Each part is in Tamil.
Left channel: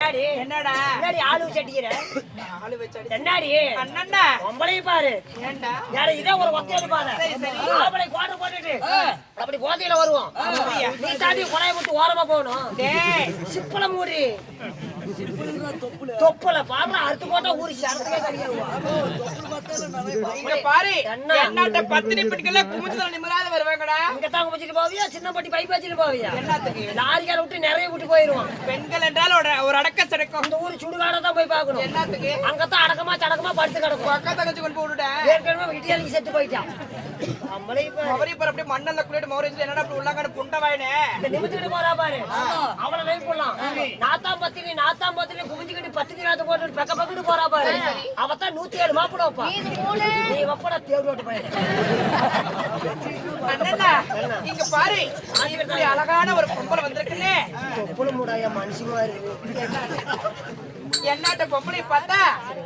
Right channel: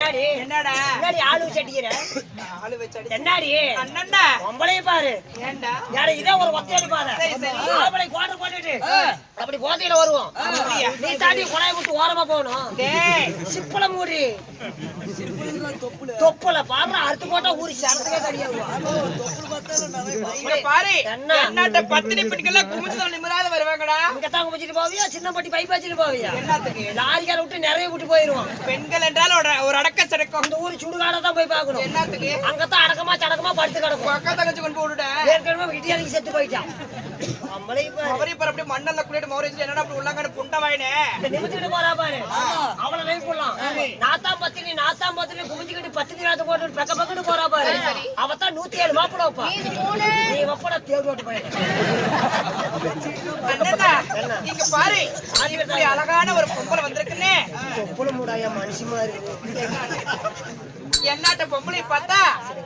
என்னடா ஆளு வச்சடிக்கிற ஆளு வச்சடி என்னடி அண்ணன்டா உங்களையும் பாரு ஏன்டா யாரு இதே ஒரு ஒத்தையடி பாரு ஆளை கோட்டை போட்டுட்டு அப்படி போதையில வருவோம் நீ தாண்டி குழைய விட்டு ஓரமா போகணும் டேய் சிப்பல மூடி தொப்புல பாரு அறுத்து போட்டா ஊறி சரத்துக்கே சரியாகும் இங்க பாரு என்னட்ட பத்தினி பெண்கள் குமிஞ்சல நிம்மராத வருவாங்கடா இங்க தான் குமிச்சிட்டு போவியா சின்ன பட்டி பைப் வச்சிட்டு போவியா என்னத்துக்கு லாரிக்கார விட்டு நிறைய விட்டு போயிருவான் பெண்கள் என்றால் ஒரு அடக்க சடக்கம் அந்த ஊர் சுடுகாட தான் போய் பார்க்கணும் என்னத்துக்கு அங்கதான் அடக்கமா சடக்கமா படுத்து கிடக்கும் அக்கா தங்கச்சி கொண்டு போடுடா ஏற்கனவே இடியாலிக்கு செத்து போயிட்டான் நம்மளே அவரே பாரு அப்படியே மண்ணல்ல குளிட்டு மௌரேஜ் என்னடா அப்படி உள்ளாங்கட புண்ட வாயினே இந்த நிமித்திட்டு போறா பாரு அவளை லைவ் போடலாம் நாத்தாம் பத்தினி குமிஞ்சிக்கிட்டு பத்தினி ராத்து போட்டு பக்க பக்கட்டு போறா பாரு அவதான் 107 மாப்பிள வைப்பா நீ வப்பட தேடு ஓட்டு போயிடு அண்ணா இங்க பாரு இப்படி அழகான ஒரு பொம்பளை வந்திருக்குனே தொப்புல மூடாயா மனுஷி மாதிரி என்னாட்ட பொம்பளை பார்த்தா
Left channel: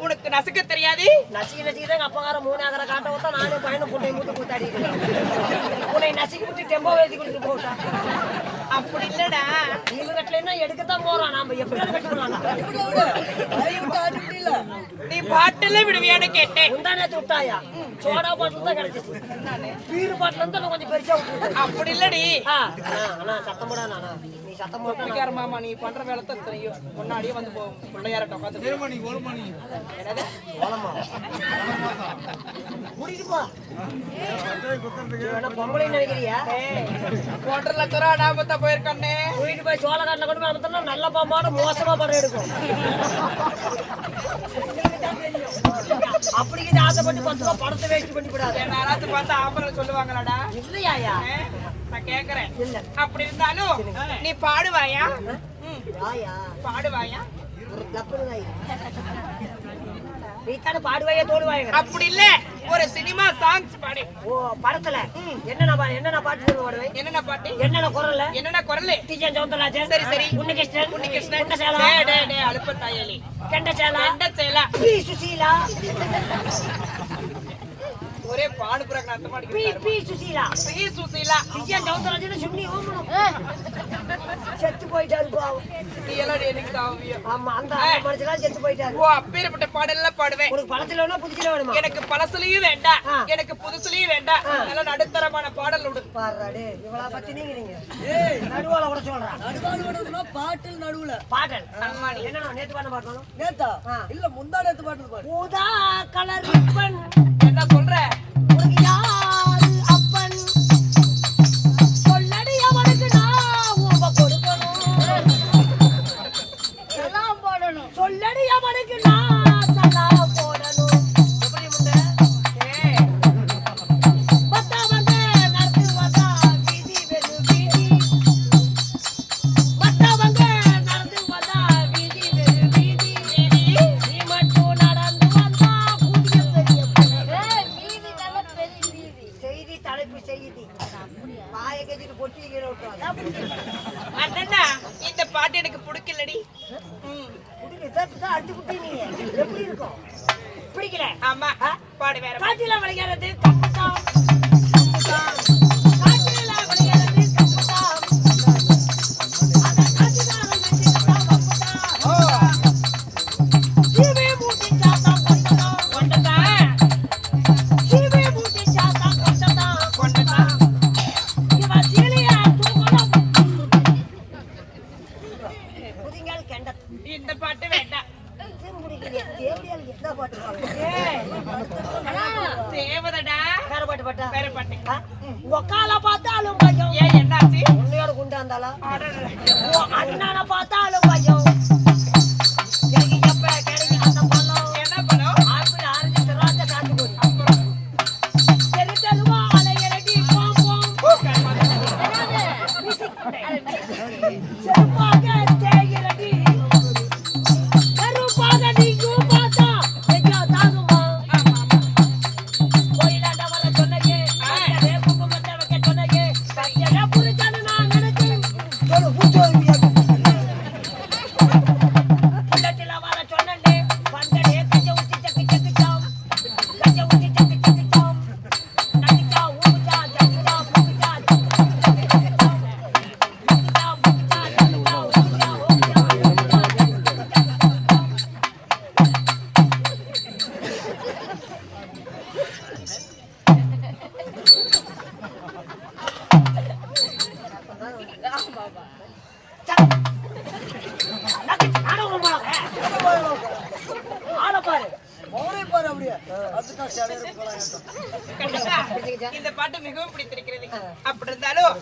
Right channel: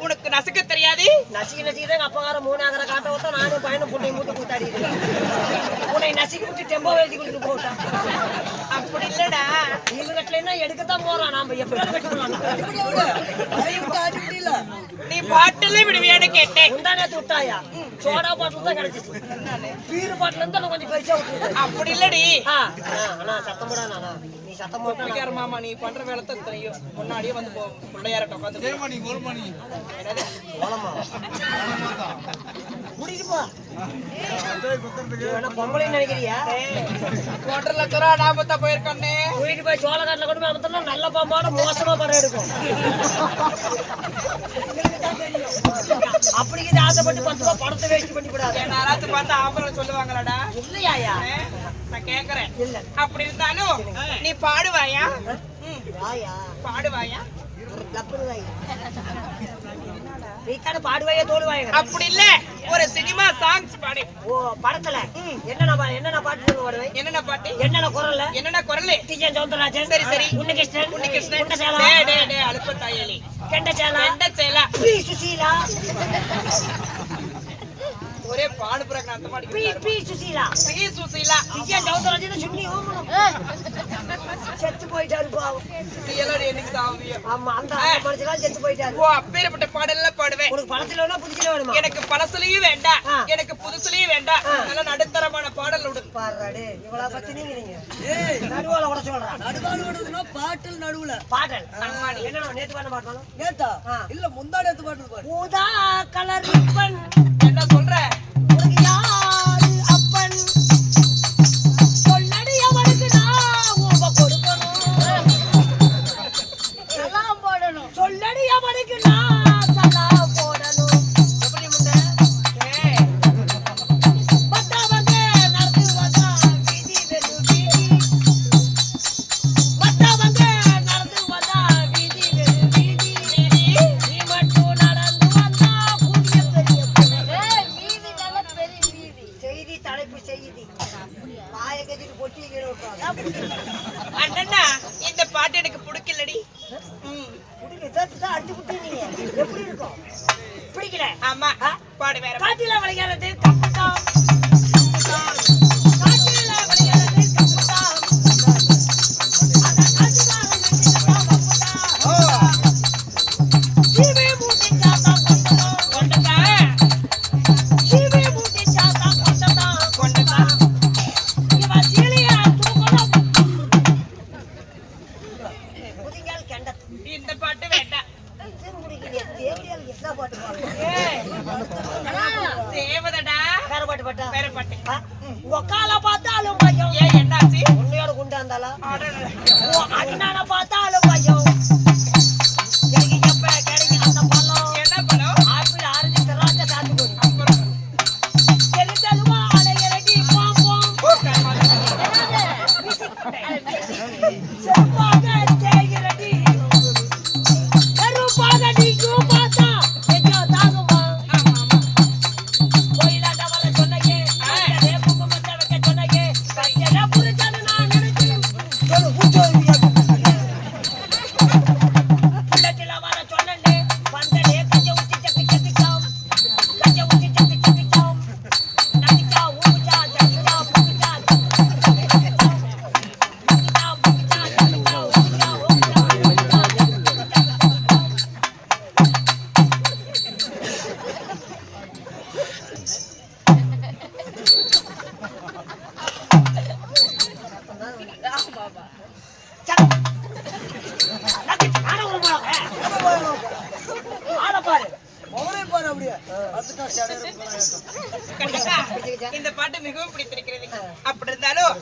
உனக்கு நசுக்க தெரியாது நசுக்கி தான் அப்பகார 3 ஆகற காட்ட விட்டா நானும் பையனை புட்டை மூட்டு கூத்தாடிட்டு உன்னை நசுக்கி விட்டு டெம்போ எழுதி கொடுத்து போட்டா அப்படி இல்லடா இவங்க கட்டலைன்னா எடுக்கத்தான் போறான் நாம எப்படியாவது கட்டி போடலாம் நீ பாட்டிலே விடுவியான்னு கேட்டேன் முந்தானத்து விட்டாயா சோடா பாட்டில் தான் கிடைச்சிச்சு பீரு பாட்டில இருந்து கொஞ்சம் பெருசா விட்டு அப்படி இல்லடி அண்ணா சத்தம் போடா நானா நீ சத்தம் போட்டா மாமா நீ பண்ற வேலை தான் தெரியும் முன்னாடியே வந்து பிள்ளையார்ட்ட உட்காந்து என்னது கூட்டிட்டு போ பொம்பளை நினைக்கிறியா ஹோட்டல்ல துறா நாமத்தா போயிருக்கானே கூட்டிட்டு போய் சோளக்காட்டில் கொண்டு போய் அமர்த்தா நல்ல பாம்பாட மோசமா படம் எடுக்கும் அப்படி ஆசைப்பட்டு 10 ரூபாய் படத்தை வேஸ்ட் பண்ணி விடாது யாராச்சும் பார்த்தா ஆம்பளை சொல்லுவாங்களாடா இல்லையா நான் கேக்குறேன் இல்ல அப்படி இருந்தாலும் நீ பாடுவாயா பாடுவாயா நீக்கான பாடுவாயா தோடுவாயா அப்படி இல்ல ஒரு சினிமா சாங்ஸ் பாடு ஓ படத்துல என்னென்ன பாட்டு பாடுவே என்னென்ன பாட்டு என்னென்ன குரல் டிஜன் சௌந்தரராஜன் சரி சரி உன்னிகிருஷ்ணன் டேய் அலுப்ப தாயலி கெண்டச்சேலா பி சுசீலா ஒரே பாடு புறக்க அர்த்தமா அடிக்குது பி சுசீலா டிஜன் சௌந்தரராஜன் சுன்னி ஓமனம் செத்து போயிட்டாரு பாவம் நீ எல்லாம் என்னைக்கு சாவியா ஆமா அந்த மனுஷனா செத்து போயிட்டாரு ஓ அப்பேரப்பட்ட பாடல்லாம் பாடுவேன் உனக்கு பழசுல வேணா புதுசுல வேணுமா எனக்கு பழசுலயும் வேண்டாம் எனக்கு புதுசுலயும் வேண்டாம் நல்ல நடுத்தரமான பாடல் விடு பாடுறாடே இவளா பத்தி நீங்க ஏய் நடுவால உட சொல்றா நடுவால உடதுனா பாட்டல் நடுவுல பாடல் என்ன நேத்து பண்ண பாடணும் நேத்தா இல்ல முந்தா நேத்து பாட்டு பாடு ஊதா கலர் ரிப்பன் என்ன சொல்ற உனக்கு யாரு அப்பன் சொல்லடி அவனுக்கு நான் ஊப கொடுக்கணும் சலாம் போடணும் சொல்லடி அவனுக்கு நான் சலாம் போடணும் எப்படி முண்ட பத்தா வந்து நடந்து வந்தா வீதி வெறு வீதி பத்தா வந்து நடந்து வந்தா வீதி வெறு வீதி நீ மட்டும் நடந்து வந்தா கூடிய பெரிய மீதி நல்ல பெரிய மீதி செய்தி தலைப்பு செய்தி வாயை கட்டிட்டு பொட்டி கீழே விட்டுறாங்க அண்ணா இந்த பாட்டு எனக்கு பிடிக்கலடி அடிச்சு விட்டு நீங்க எப்படி இருக்கும் பிடிக்கல ஆமா பாடு வேற காட்டில விளையாடுறது கப்புதான் காட்டில விளையாடுறது கப்புதான் அந்த காட்டில கப்புதான் சீவே மூட்டி சாத்தா கொண்டதான் சீவே மூட்டி சாத்தா கொண்டதான் இவ சீலியா தூக்கணும் புதிங்கால் கண்டது இந்த பாட்டு வேண்டாம் தேவதடா வேற பாட்டு ஒக்கால பார்த்தாலும் பயம் ஏன் என்னாச்சு உன்னையோட குண்டா இருந்தாலா ஆர்டர் அண்ணனை பார்த்தாலும் பயம் எனக்கு எப்ப கிடைக்கும் அந்த பழம் என்ன படம் ஆப்பிள் ஆரஞ்சு திராட்சை சாத்துக்குடி அப்புறம் தெரிஞ்சதுவா அலையடி பாப்போம் செருப்பாக தேய்கிறடி செருப்பாக நீயும் பார்த்தா எங்கோ தாகுமா ஆமா கோயிலாண்ட வர சொன்னையே வேப்புக்கு மத்த வைக்க சொன்ன ஆள பாரு மௌனே பாரு அப்படியே அதுதான் சடையற போலாம் கண்டிப்பா இந்த பாட்டு மிகவும் பிடித்திருக்கிறது. அப்படி இருந்தாலும்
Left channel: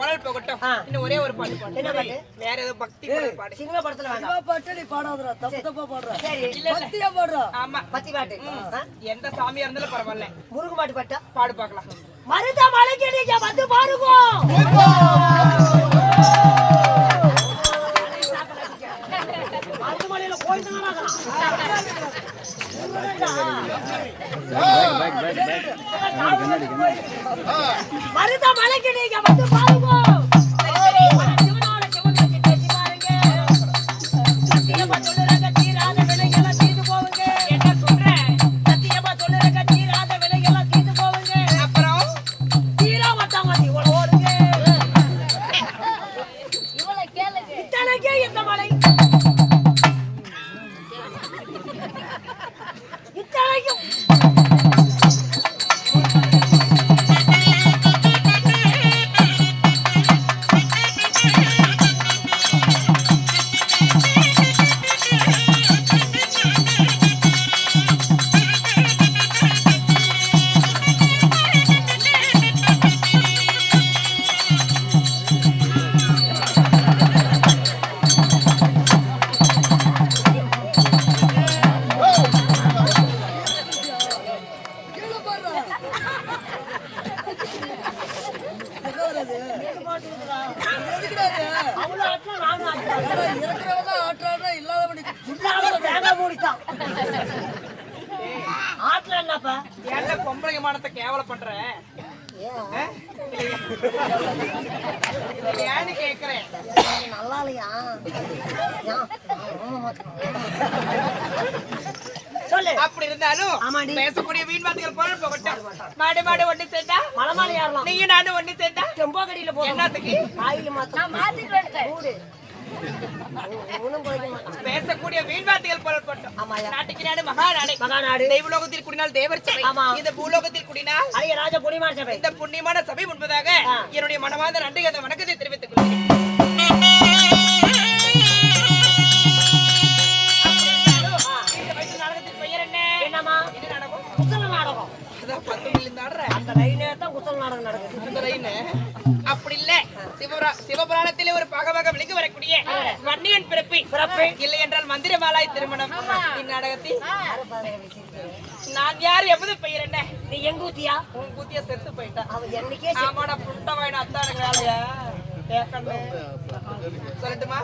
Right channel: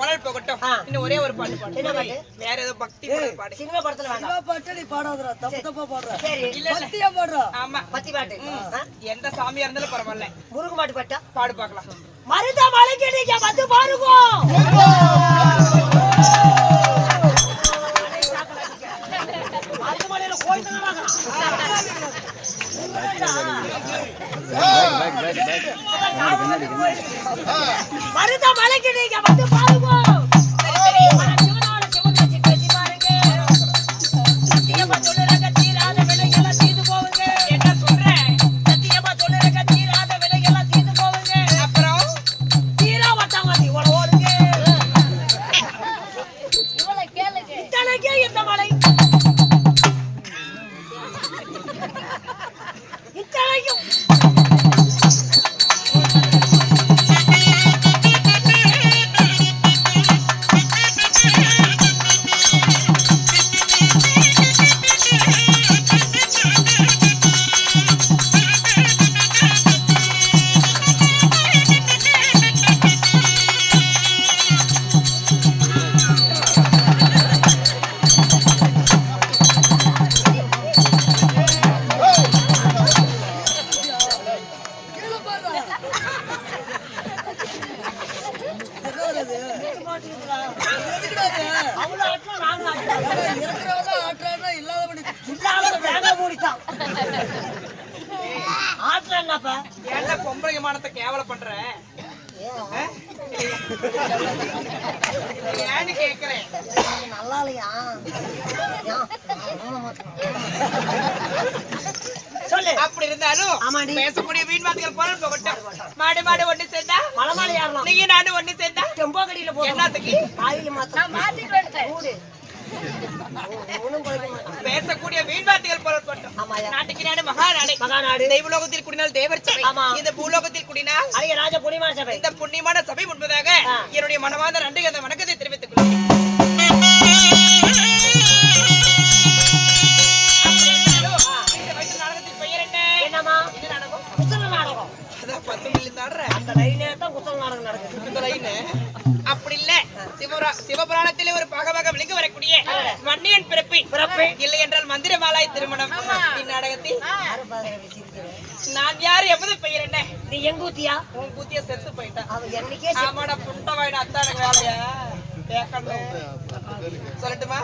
உணல் போகட்டும். இன்னும் ஒரே ஒரு பாட்டு பாடு. என்ன பாட்டு? வேற ஏதோ பக்தி பாடல் பாடு. சினிமா படத்துல வேண்டாம். சினிமா பாட்டு நீ பாடாதடா, தப்பு தப்பா பாடுற. சரி இல்ல இல்ல. பக்தியா பாடுற. ஆமா. பத்தி பாட்டு எந்த சாமியா இருந்தாலும் பரவாயில்ல. முருகு மாட்டு பாட்டா பாடு பார்க்கலாம். மருத மலைக்கு நீங்க வந்து பாருங்க. மருத மலையில கோயில் தானடா. மருத மலைக்கு நீங்க வந்து பாருங்க. சிவனோட சிவன் வச்சு பேசி பாருங்க. சத்தியமா சொல்லுறேங்க, தீராத விலையெல்லாம் தீர்ந்து போவுங்க. என்ன சொல்றேன்? சத்தியமா சொல்லுறேங்க, தீராத விலையெல்லாம் தீர்ந்து போவுங்க. அப்புறம் தீரா வட்டாங்க இவ்வளவு ஓடுங்க. இவளை கேளுங்க. இத்தனைக்கே இந்த மலை இத்தனைக்கும் கீழே பாடுற. என்ன வருது? எதுக்குடா இது? அவ்வளவு ஆட்டம் நானும் ஆட்டுறேன். ஏடா, இருக்கிறவன் தான் ஆட்டுறான்னா இல்லாதவன் இல்லாத தேங்காய் மூடித்தான் ஆட்டுல என்னப்பா ஏன்டா பொம்பளை விமானத்தை கேவலம் பண்ற? ஏன்னு கேக்குறேன். நல்லா இல்லையா சொல்லு. அப்படி இருந்தாலும் ஆமாடி. பேசக்கூடிய வீண் வார்த்தைகள் போல போகட்டும். மாடு மாடு ஒண்ணு சேர்ந்தா மலைமாலை ஏறலாம். நீயும் நானும் ஒண்ணு சேர்ந்தா செம்போகடியில போகணும். என்னத்துக்கு? ஆயில் மாத்தம் மாத்திட்டு வந்துட்டேன். மூடு. ஒண்ணும் போய்க்க மாட்டான். பேசக்கூடிய வீண் வார்த்தைகள் போல போட்டோம். ஆமாயா. நாட்டுக்கு நாடு மகாநாடு. மகாநாடு. தெய்வலோகத்தில் குடினால் தேவர் சபை. ஆமா. இந்த பூலோகத்தில் குடினால் அரிய ராஜ புனிமார் சபை. இந்த புண்ணியமான சபை முன்பதாக ஆ. என்னுடைய மனமார்ந்த நன்றி அந்த வணக்கத்தை தெரிவித்துக் கொள்கிறேன். அப்படி இருந்தாலும், இந்த வயசு நாடகத்தின் பெயர் என்ன? என்னம்மா இது நாடகம். குசல நாடகம். அதான் 10 மில்லியன் ஆடுற அந்த லைனே தான் குசல நாடகம் நடக்குது. அந்த லைன் அப்படி இல்ல. சிவபுராணத்திலே ஒரு பாகமாக விளங்கி வரக்கூடிய வன்னியன் பிறப்பு இல்லை என்றால் மந்திரமாலாய் திருமணம். இந்நாடகத்தில் நான் யார் எவ்வளவு பெயர் என்ன? நீ எங்க ஊத்தியா? உன் கூத்திய செத்து போயிட்டான். அவன் என்னைக்கே ஆமாடா புட்ட வாயின அத்தா எனக்கு வேலையா கேட்கணும். சொல்லட்டுமா?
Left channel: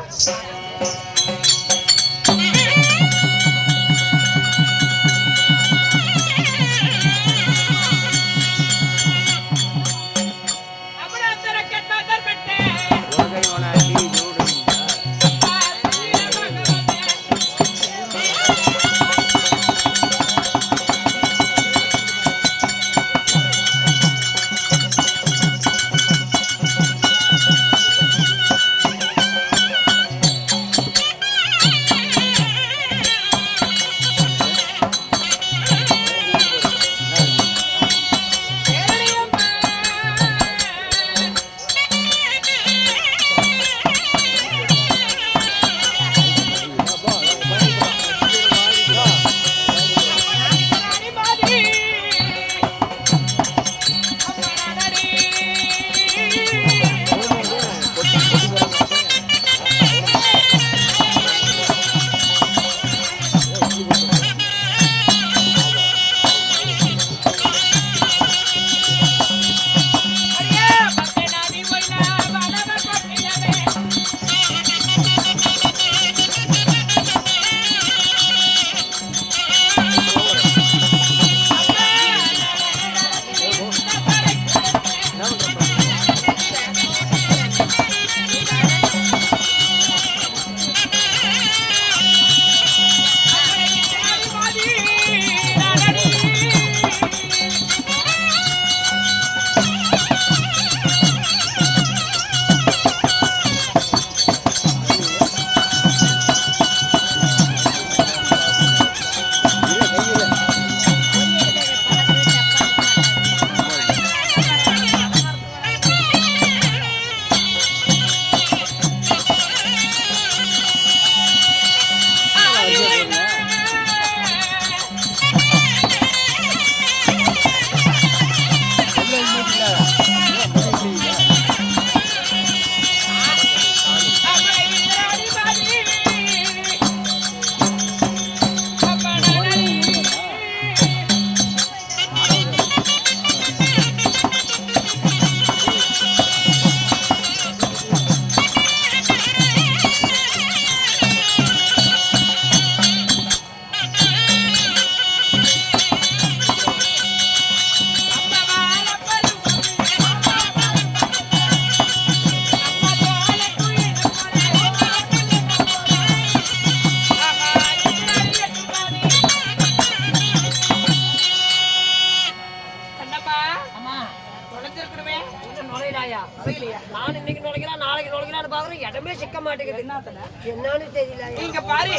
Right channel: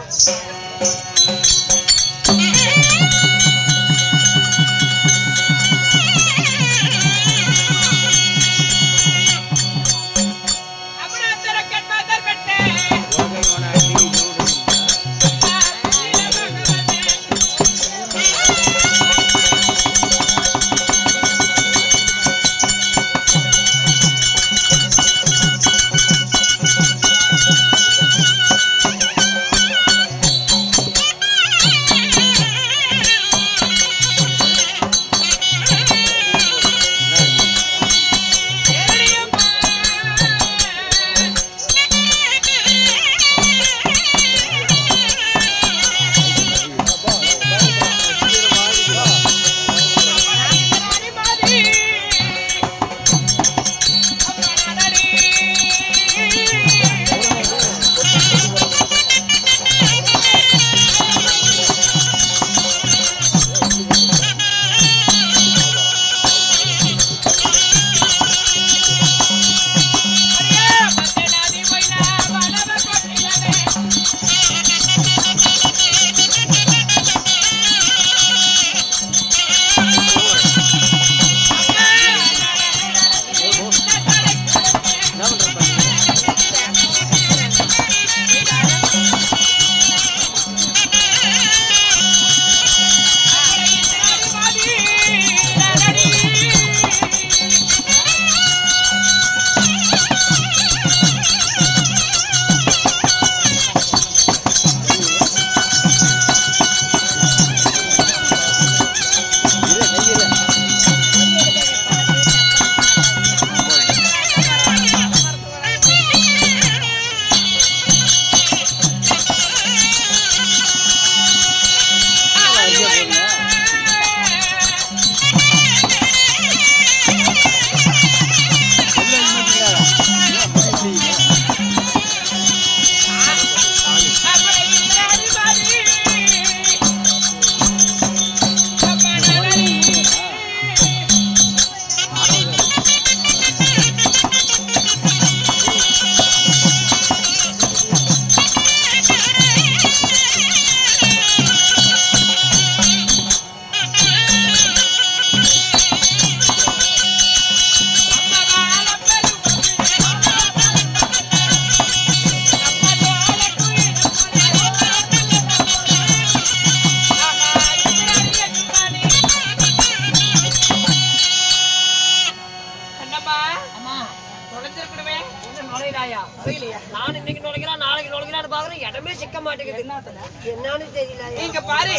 மாட்டேங்குது என்னன்னு தெரியல நீங்க பாரு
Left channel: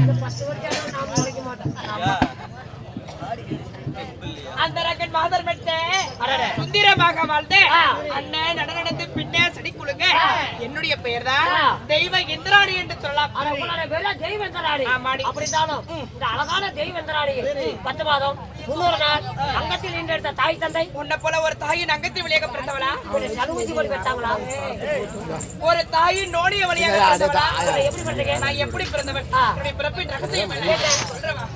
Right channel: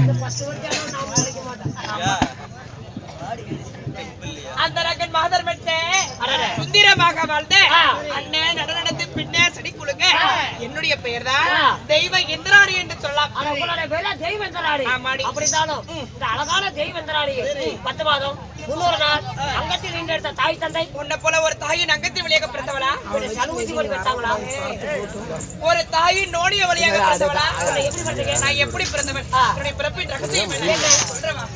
இந்த 10 வருஷம் நான் முளைக்க மாட்டேன் அந்த ரகன் மாதர் மெட்டே சுந்தரமாக வாழ்ந்த அண்ணன் நடந்து பின்னே சடி குழுங்க என்னுடைய பெயர் தான் தெய்வ இந்திராணி என்று சொல்லலாம். உங்களுடைய பேர தெய்வ இந்திராணி. ஆமாடி. அப்படித்தாலும் இந்த அழகான தெய்வ இந்திராணி 10 மாதம் 300 நாள் அங்கத்தில் ஈண்டெடுத்த தாய் தந்தை உன்னை போல ஒரு தாயின் அங்கத்தில் வழியாக பிறந்தவளா? சலுகூசி போட்டு பெற்றாங்களா? ஒரு தாயின் நோடிய வழியாக பிறந்தவளா? எப்படி பண்றீங்க? நான் எப்படி பிறந்தவன் என்னுடைய பிறப்பின் ரகசியம் என்ன சொல்றவா?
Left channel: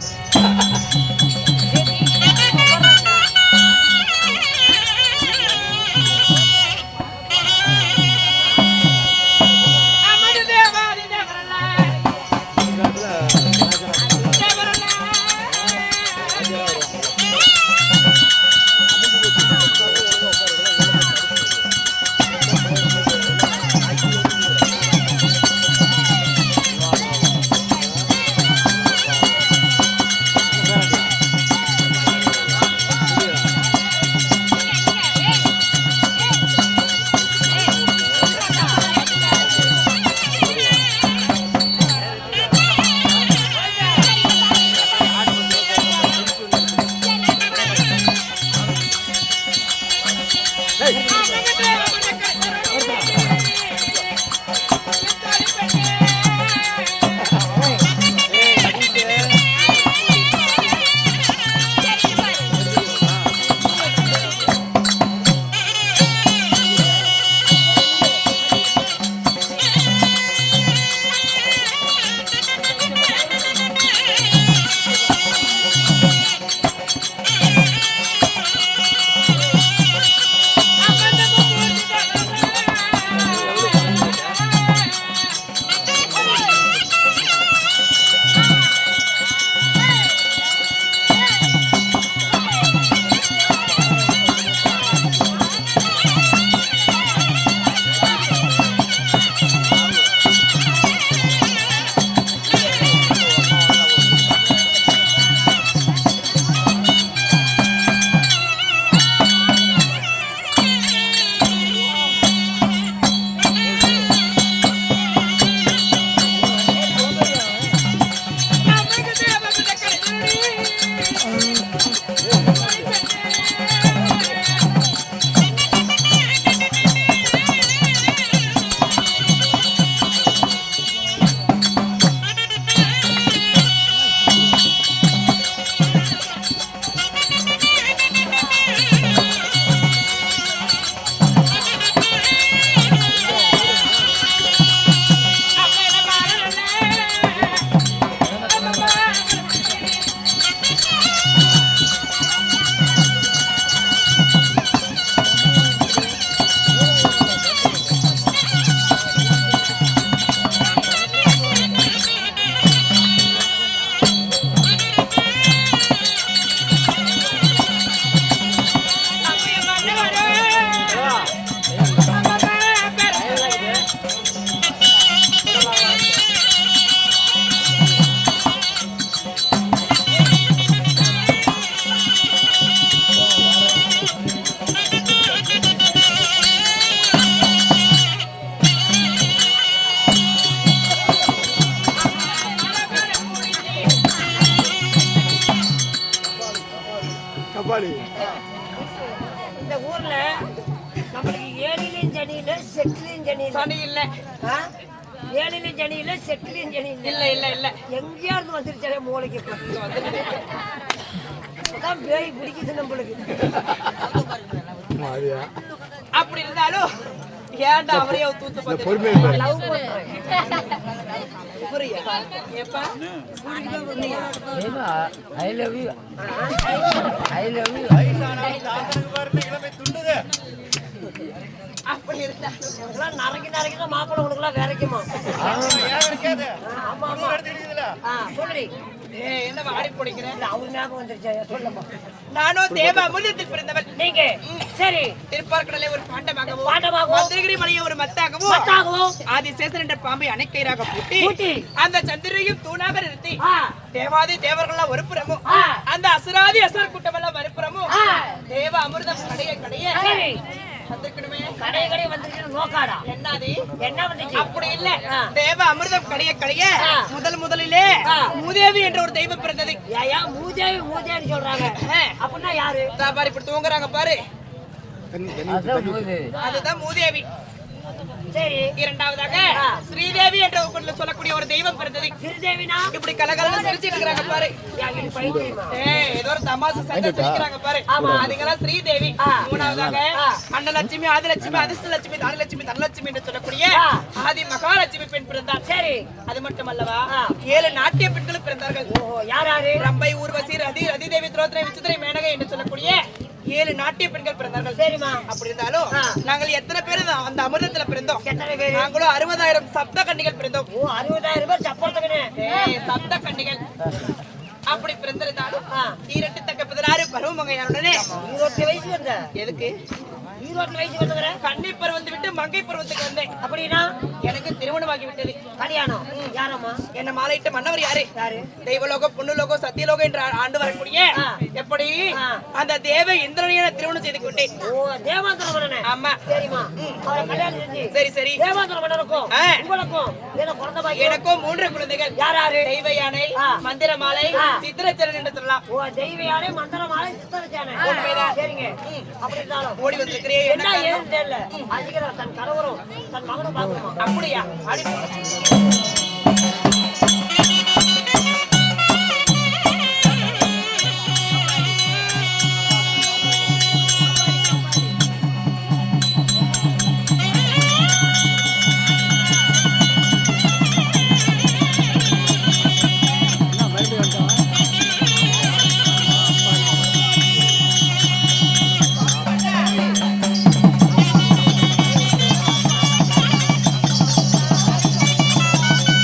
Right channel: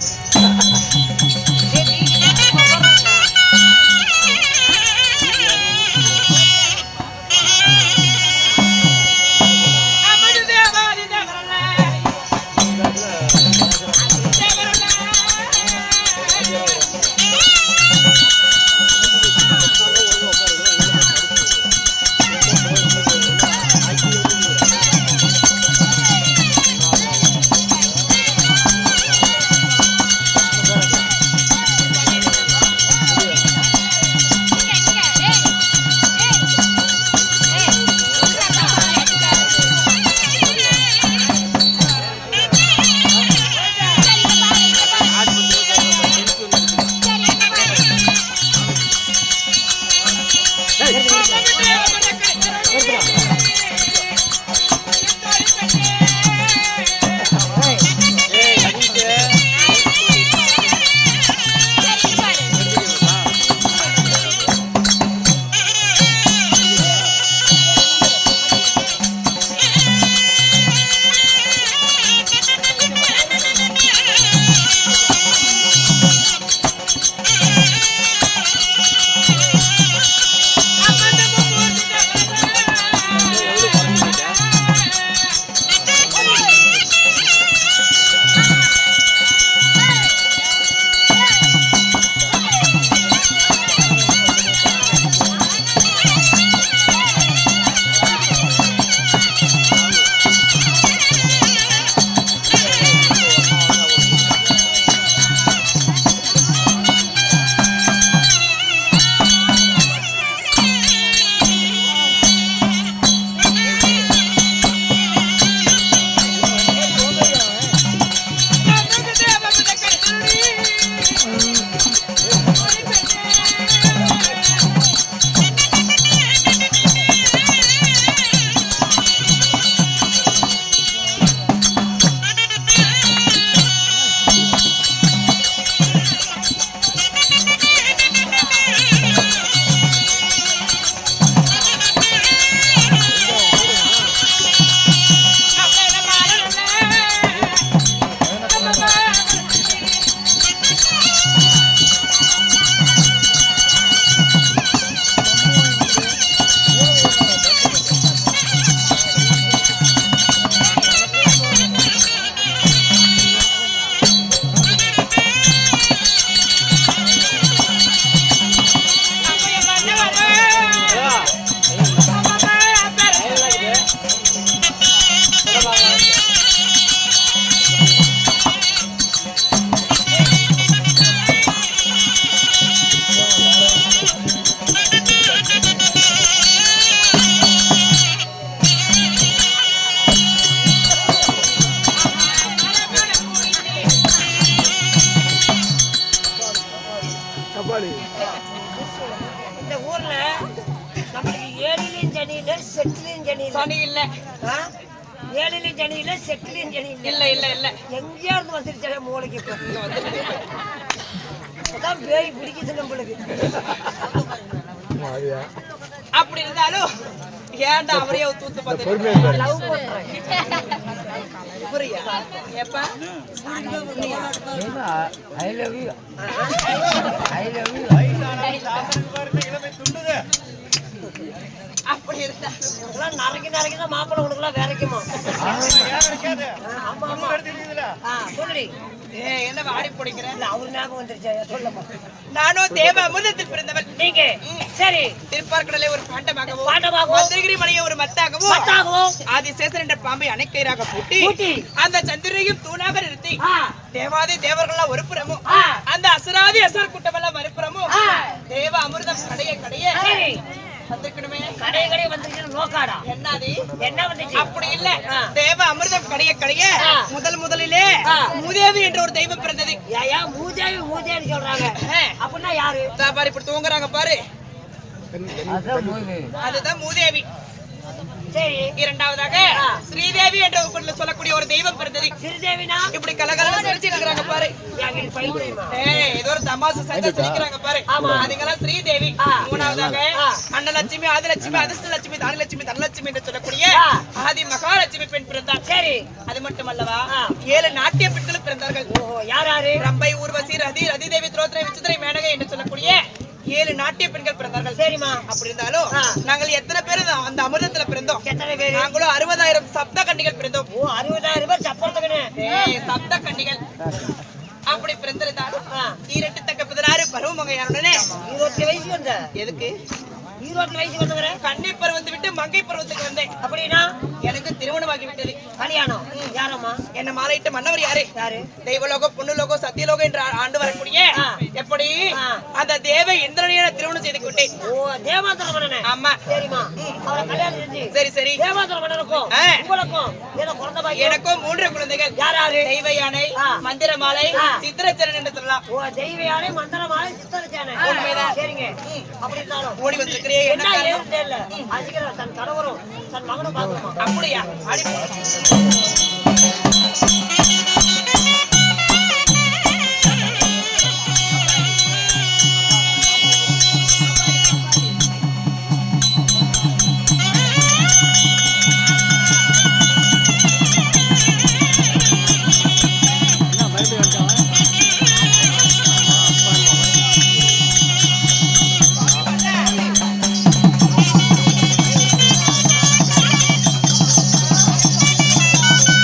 சனி இல்ல. ஏழிலும் சனி இல்ல, செட்டிலும் சனி இல்ல. இல்ல இல்ல இல்ல. எங்கேயா இருந்து வந்துருச்சே மூளைக்கு இப்பதான் பேய் பிடிக்குது நம்மளுக்கு. அப்படி இருந்தாலும் ஏன்டா அவரையே தூத்து பார்த்து லவ் பண்றேன். புரியா? ஏப்பா I love you. I love you. அப்படி இருந்தா உனக்குலாம் நரைக்கு தான் மாப்பிள்ளை உனக்குலாம் வேறைக்குமா? ஆமா ஆமா. சொல்லுடி. என்ன வாடி போடுங்கிற? அவரு ஞாபகம் வந்துருச்சா? சொல்லமா. நானும் தேவ அமிர்தத்தில் பிறந்தவன். நீங்க சரி திருப்பார்கடலை ஒரு பாண்டமாகவும் மந்திரகிரி மலையை ஒரு மத்தாகவும் ஆதிசேஷன் என்ற பாம்பை அணைக்கயிறாக பூட்டி அந்த சந்திரையும் தூணாக நிறுத்தி தேவாதி தேவர்கள்லாம் ஒரு புறமும் அந்த அசுராதி அசுர கூட்டமெல்லாம் மறுபுறமும் தேவ அமிர்தம் கடைய வந்திருக்கணுமே. கடை வந்துட்டு நோக்காடா என்னது என்ன வந்துச்சு அப்படி இல்ல. ஆ. தேவ அமிர்தம் கடைய ஆ. முதலிலே ஆ. மூதேவி என்ற ஒரு தெய்வம் பிறந்தது. ஏயா மூதேவி சொல்றாங்க ஆ. அப்படின்னா யாரு இதா பாரு இப்படி தூங்குறாங்க பாரு, அதுதான் மூதேவி. சரி இரண்டாவதாக ஆ. ஸ்ரீதேவி என்ற ஊர்ல சொல்லக்கூடிய ஒரு தெய்வம் பிறந்தது. சிறுதேவினா இப்படி கலகலன்னு சிரிச்சிட்டு இருக்காங்க பாரு. என் வீட்டு பைத்தியமா ஏதோ ஒரு தமாசு சண்டை சிரிக்கிறாங்க பாரு. ஆமா. அதுங்கெல்லாம் ஸ்ரீதேவி. ஆ. மூணாவதாக ஆ. அன்னலட்சுமி, ஆதிலட்சுமி, அதிர்ஷ்டலட்சுமி, தானிலட்சுமி, தனலட்சுமி என்று சொல்லக்கூடிய ஆ. ஆதி மகாலட்சுமி பெண் பிறந்தார். சரி அது மட்டுமல்லவா ஆ. 7 நாட்டிய பெண்களும் பிறந்தார்கள். ஓஹோ யாரு ரம்பை, ஊர்வசி, ரதிதேவி, திரௌபதி, விசித்திரை, மேனகை என்று சொல்லக்கூடிய 7 நாட்டிய பெண்கள் பிறந்தார்கள். சரிம்மா அப்படி இருந்தாலும் ஆ. நாங்கள் எத்தனை பேர் அந்த அமிர்தத்துல பிறந்தோம்? எத்தனை பேரு நாங்களும் 60,000 சப்த கன்னிகள் பிறந்தோம். ஓ 60,000 பேர் சப்பரத்துக்குன்னு சப்த கன்னிகள் அப்படி பிறந்திருந்தாலும் ஆ. 16 பருவமங்கையாருடனே 20 வயசு வந்த எதுக்கு 20 வயசு வந்தவர கன்னி பருவத்தை விட்டு மங்கை பருவத்துக்கு வந்தேன். அப்படின்னா எனக்கு திருமணமாகி விட்டது. கல்யாணம் யாரம்மா என்ன மாலையிட்ட மன்னவர் யாரு? யாரு தெய்வலோகம், புண்ணுலோகம், சத்தியலோகம் என்று ஆண்டு வரக்கூடிய ஆ. எப்படி ஆ. அந்த தேவ இந்திரனையை நான் திருமணம் செய்து கொண்டேன். ஓ தேவாந்தர மன்னனே ஆமா. சரிம்மா அவரை கல்யாணம் செஞ்சு சரி சரி. தேவாந்தர மன்னனுக்கும் ஆ. உங்களுக்கும் ஏதோ குழந்தை பாக்கியம் எனக்கும் 3 குழந்தைகள். யாராரு தெய்வ யானை, ஆ. மந்திர மாலை, ஆ. சித்திரச்சரன் என்று சொல்லலாம். ஓ தெய்வயானே மந்திரமாலே சித்தரிச்சானே உண்மைதான். சரிங்க அப்படி இருந்தாலும் ஓடி வந்திருக்கிறே என்ன என்ன காரணம்? ஏதுன்னு தெரியல அதிகம் தன் கணவரும் தன் மகனும் பாக்கணுமா அப்படியா? அடி Thank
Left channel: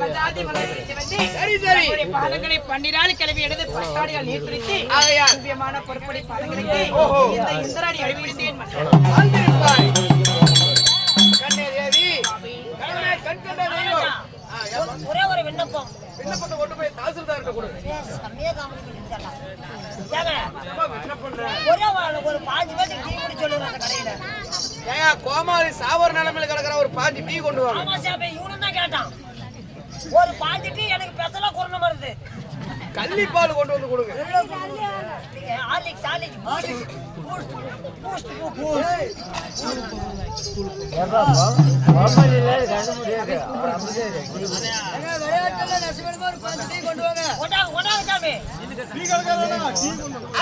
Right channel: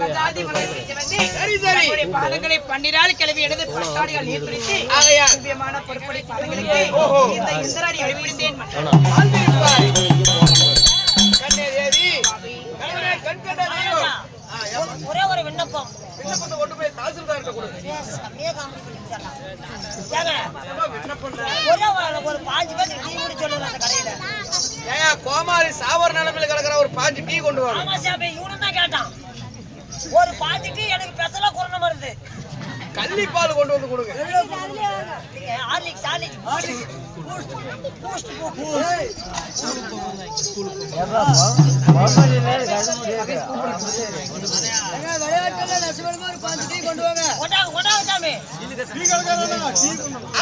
குலஜாதி குலத்திற்கு வந்து சரி சரி நம்முடைய பாதங்களை 12 கிளவி எடுத்து பட்டாடிகள் நீர்பிடித்து ஆகையால் திவ்யமான பொறுப்படை பாதங்களுக்கு ஓஹோ. இந்த இந்திராணி அழிப்பிடித்தேன் மன்னர். வாழ்ந்திருப்பாய் கண்ணே தேவி கண்ணே கண் கண்ட தெய்வம் ஒரே ஒரு விண்ணப்பம். விண்ணப்பத்தை கொண்டு போய் தாசில்தார்கிட்ட கொடு. செம்மையா காமெடி பண்ணி விட்டாங்க. ஏங்க, என்னப்பா விண்ணப்பம்னா? ஒரு 5 பேருக்கு டீ குடி சொல்லுங்க அந்த கடையில. ஏயா கோமாளி சாவர நிலைமையில கிடக்குற ஒரு 5 டீ கொண்டு வா. ஆமா சாமி, இவனும் தான் கேட்டான். ஒரு 5 டீ எனக்கு பெசலா குறன வருது. கள்ளிப்பால் கொண்டு வந்து கொடுங்க. நீங்க ஹார்லிக்ஸ் பூஸ்ட் விளையாட்டுல நெசமா ஒரு 5 டீ கொண்டு வாங்க. ஒட்டாங்க சாமி.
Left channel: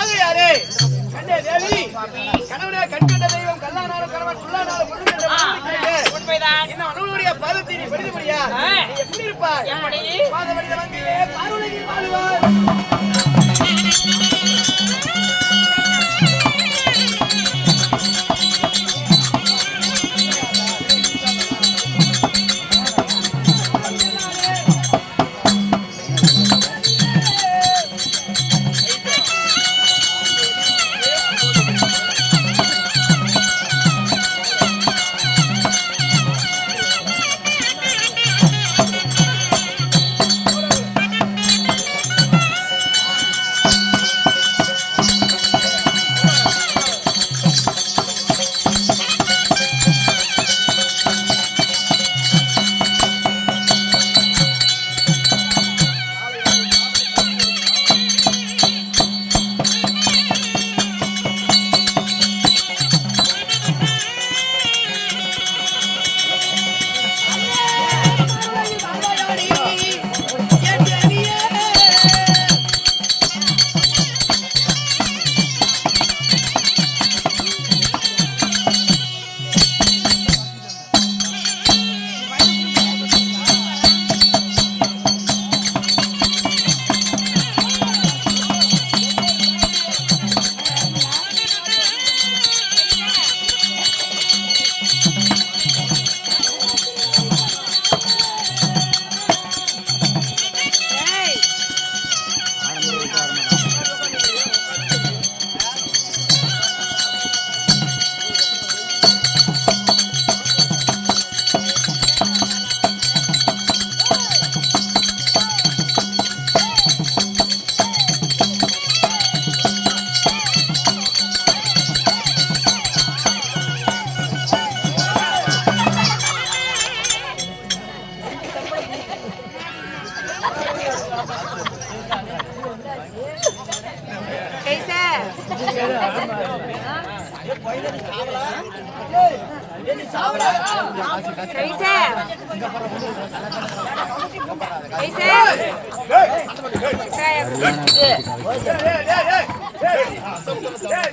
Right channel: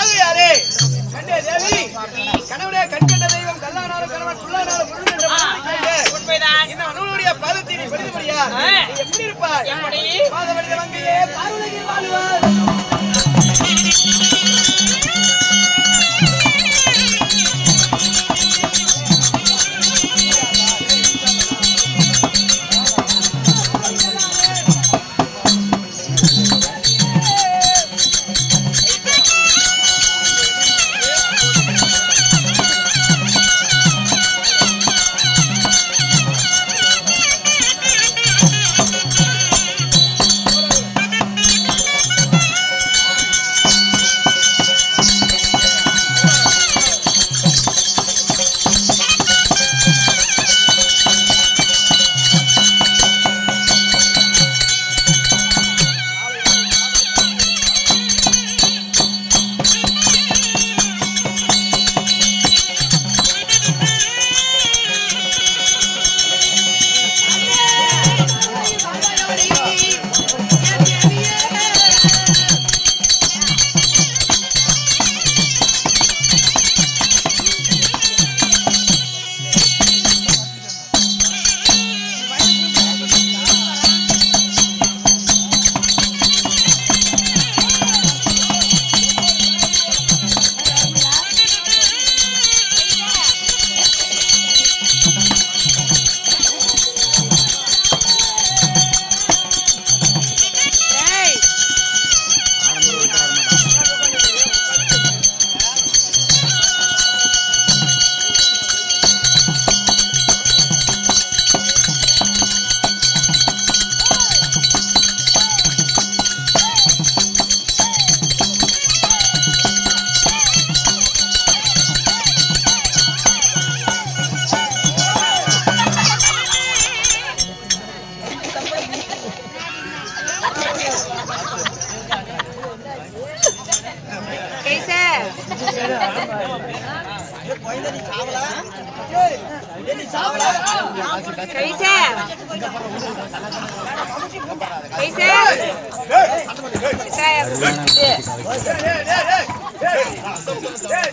ஆகையாரே கண்ணே தேவி கணவனே கண் கண்ட தெய்வம் கல்லானாலும் கணவன் புல்லானாலும் முருகன் என்ற மனிதனுக்கு உண்மைதான். இந்த மனுவனுடைய பாதத்தை நீ படித்தபடியா நீ எப்படி இருப்பாய்? எப்படி? பாதவடித வந்தியே பார்வதியில் வாழுவார்.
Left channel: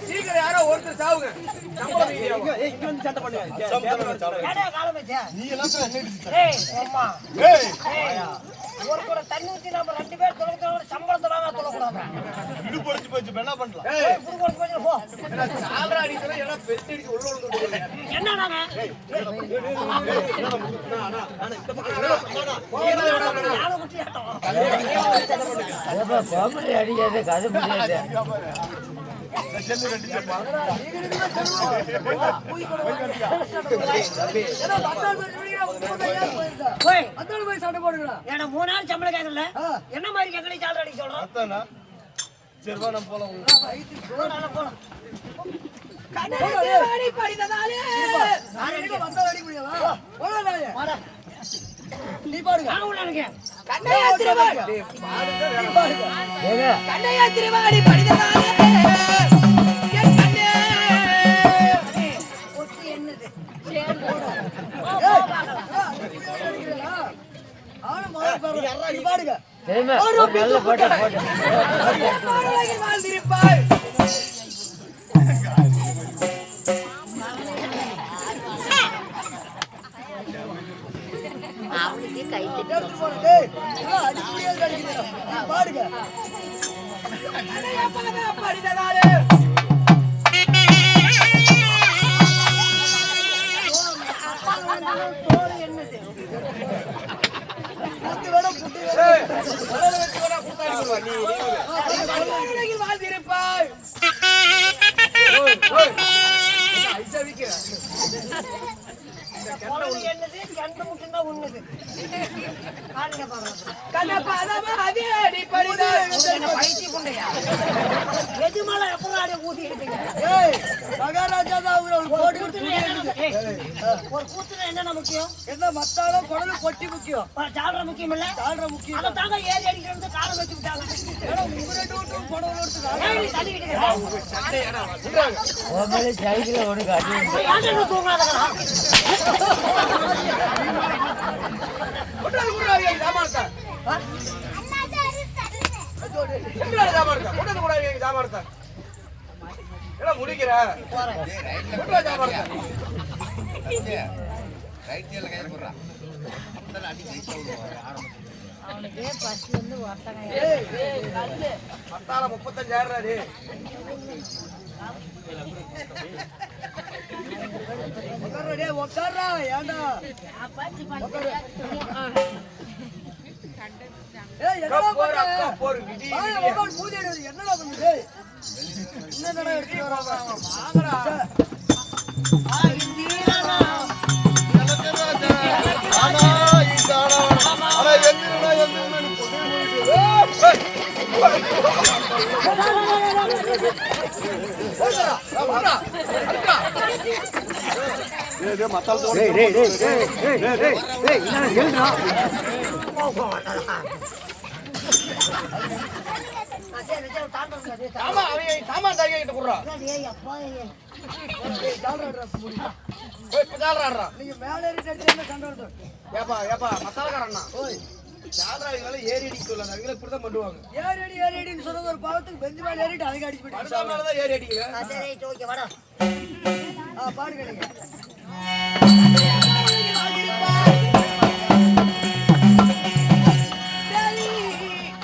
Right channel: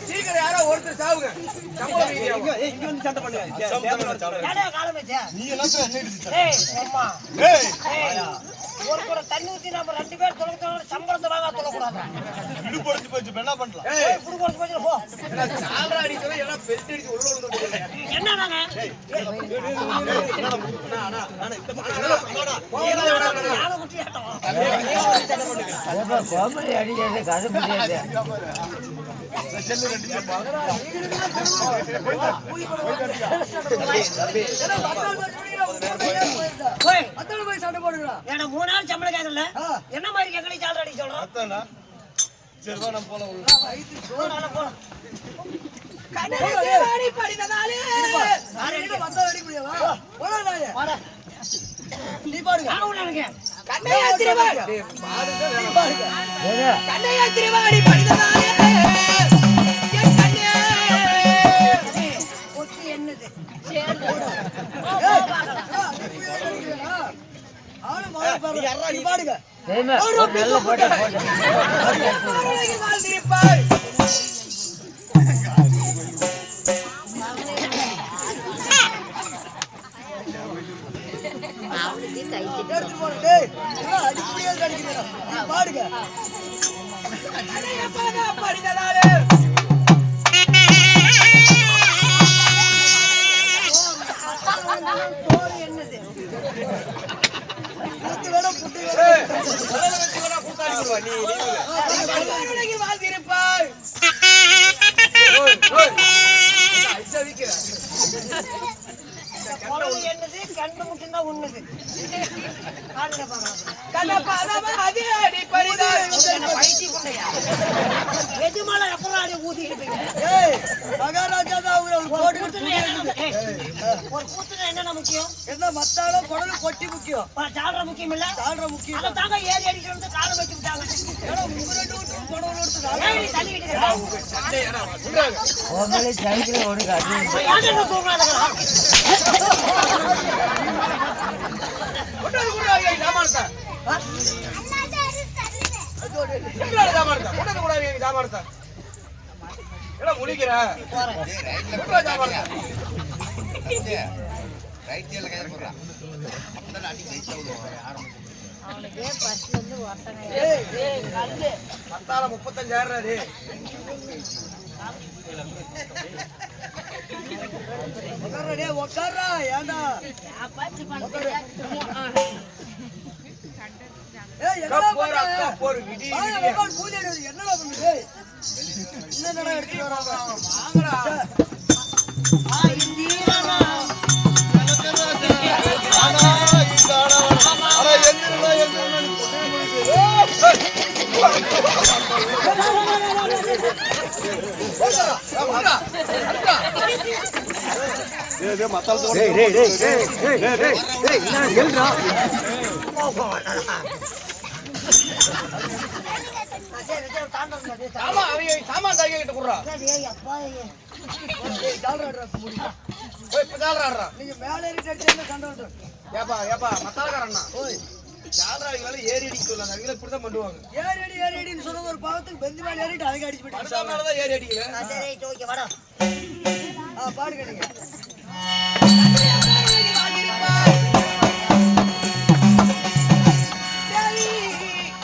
சீக்கிரம் யாரோ ஒருத்தர் சாவுங்க. சம்பளம் மீதியாகும். ஒரு கூட தண்ணி ஊத்தி நம்ம 2 பேர் தொலைக்க சம்பளத்தை வாங்க சொல்லக்கூடாது. என்ன பண்ணலாம்? சாவரா அடிச்சவன் எல்லாம் பெல்ட் அடிச்சு உள்ள விழுந்துட்டு என்ன நாங்க யானை குட்டி ஆட்டம். போய் சண்டை போடுங்களா? ஏன்னா 3 நாள் சம்பளம் கேட்கல. என்ன மாதிரி கேட்கல சாலரி அடி சொல்றோம். சரி வா நம்ம போலாம். போலாம். கண்ணாடி படித்ததாலே நீ பாடுங்க. கண்ணையா திருவாடி கண்ணையா திருவாடி படித்ததாலே என் கண்ணே ஒத்தி என்னது பாடுங்க. வாழ்ந்திருப்பாய் எடுத்து போடுங்க. அடிப்படியாக அடிக்கிறீங்க. பாடுங்க. படித்ததாலே தோல் என்னது அடுத்து கல்லுலகில் வாழ்ந்திருப்பாய். ஐசா விக்கிற என்னது கண்டு மட்டும்தான் உண்ணுது அதே பரிதான் பயிற்சி கொண்டையா எதுமால எப்பறம் அடி ஊதி இருப்பீங்க ஏய் மகாராஜா தான் அவரு போட்டு ஒரு கூத்துல என்ன முக்கியம் என்ன மத்தாலும் குடலும் கொட்டி முக்கியம் ஜாலர முக்கியம் இல்ல தாழ்ற முக்கியம் அதை தாங்க ஏறி அடிக்கிறது காலம் வச்சு விட்டாங்க ஏன்னா உங்க ரெண்டு வீட்டும் குடவுல எடுத்து ஏறி தள்ளிக்கிட்டு சண்டையாடா ஒட்டாது கூடாது ஜாமானத்தை எங்கடா ஜாமானத்தை ஒட்டாது கூடாது ஜாமானத்தை எல்லாம் முழிக்கிற ஒட்டா ஜாமானத்தை பத்தால 35,000 உட்கார்றா உட்கார்றா ஏண்டா ஏய் என்னடா பண்ற போர் விடி உட்கார் பூஜை எடுத்து என்னடா பண்ணுது என்னடா எடுத்து வராங்க வாங்கடா சாமான் தாங்கிட்டு குடுறா நீங்க மேல ஏறி அடிச்சா சண்டை வந்து ஏப்பா மத்தாலக்காரண்ணா ஓய் சாதராளிகளை ஏறி அடிக்க சொல்லாத அவங்கள இப்படிதான் பண்ணுவாங்க ஏறி அடின்னு சொன்னது ஒரு பாவத்துக்கு பெஞ்சு மேல ஏறிட்டு அதுக்கு அடிச்சு போயிட்டு அடுத்தவங்களாலதான் ஏறி அடிக்கல பாடுங்க நீங்க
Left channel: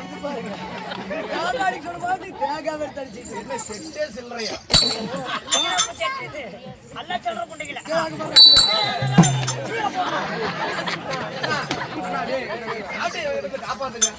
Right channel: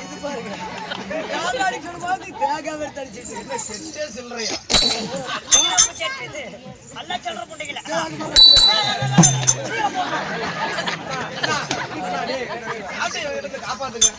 இது பாருங்க யாராடி சொன்ன பாவத்துக்கு தேங்காய் எடுத்து அடிச்சிட்டு என்ன செட்டே சில்லறையா அல்ல சொல்ற புண்டைகள சாட்டையை எடுத்து காப்பாத்துங்க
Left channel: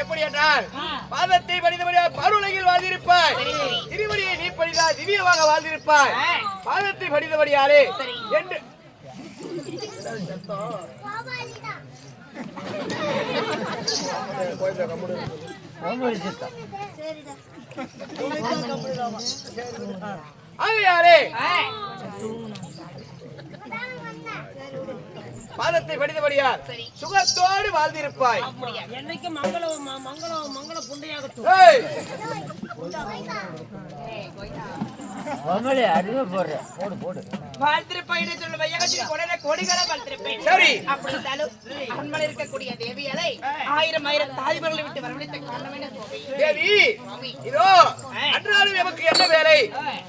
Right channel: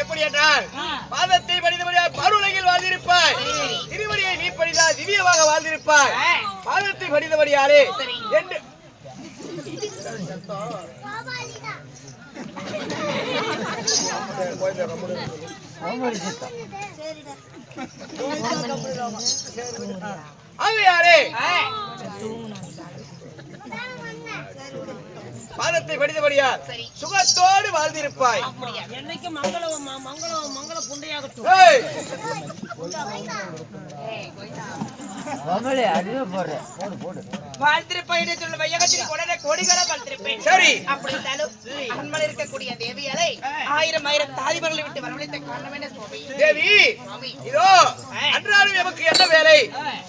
எப்படி என்றால் பாதத்தை படித்தபடியால் பருளையில் வாழ்ந்திருப்பாய், திருவடியை நீ படித்தால் திவ்யமாக வாழ்ந்திருப்பாய். பாதத்தை படித்தபடியாலே என்று ஆகையாரே பாதத்தை படித்தபடியார் சுகத்தோடு வாழ்ந்திருப்பாய். என்னைக்கு மங்களம் மங்களம் மங்கள புண்டையாகட்டும். ஏய், வாழ்த்திருப்பேன் சொல்ல வையகத்தில் கொடர கோடிகள வாழ்த்திருப்பேன். சரி. அப்படி இருந்தாலும் அரண்மனை இருக்கக்கூடிய தேவியாரை ஆயிரம் தாதிமர்களை விட்டு வரவழைத்த காரணம் என்ன சுவாமி? தேவி இதோ அன்றாடம் எமக்கு என்ன வேலை?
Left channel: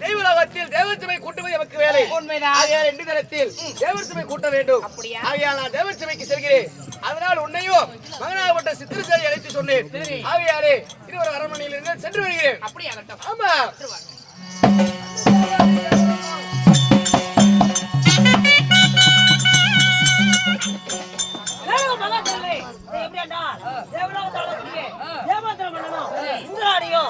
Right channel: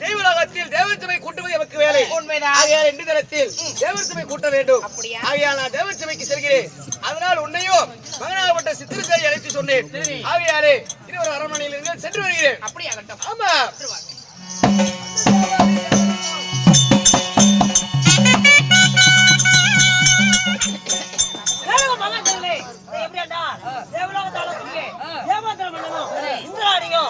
தேவலோகத்தில் தேவசபை கூட்டுவது எமக்கு வேலை. உண்மைதான். ஆகையால் இன்று தினத்தில் தேவசபை கூட்ட வேண்டும். அப்படியா? ஆகையால் நான் தேவசபைக்கு செல்கிறேன். அதனால் உன்னையும் மகனாகப்பட்ட சித்திரத்தை அழைத்து சொன்னேன். ஆகையாலே இது ஒரு அரண்மனையில் இருந்து சென்று வருகிறேன். அப்படியாகட்டும். ஆமா. எப்படி தேவலோகத்தால ஏமாத்திரம் பண்ணணும். இந்திராணியும்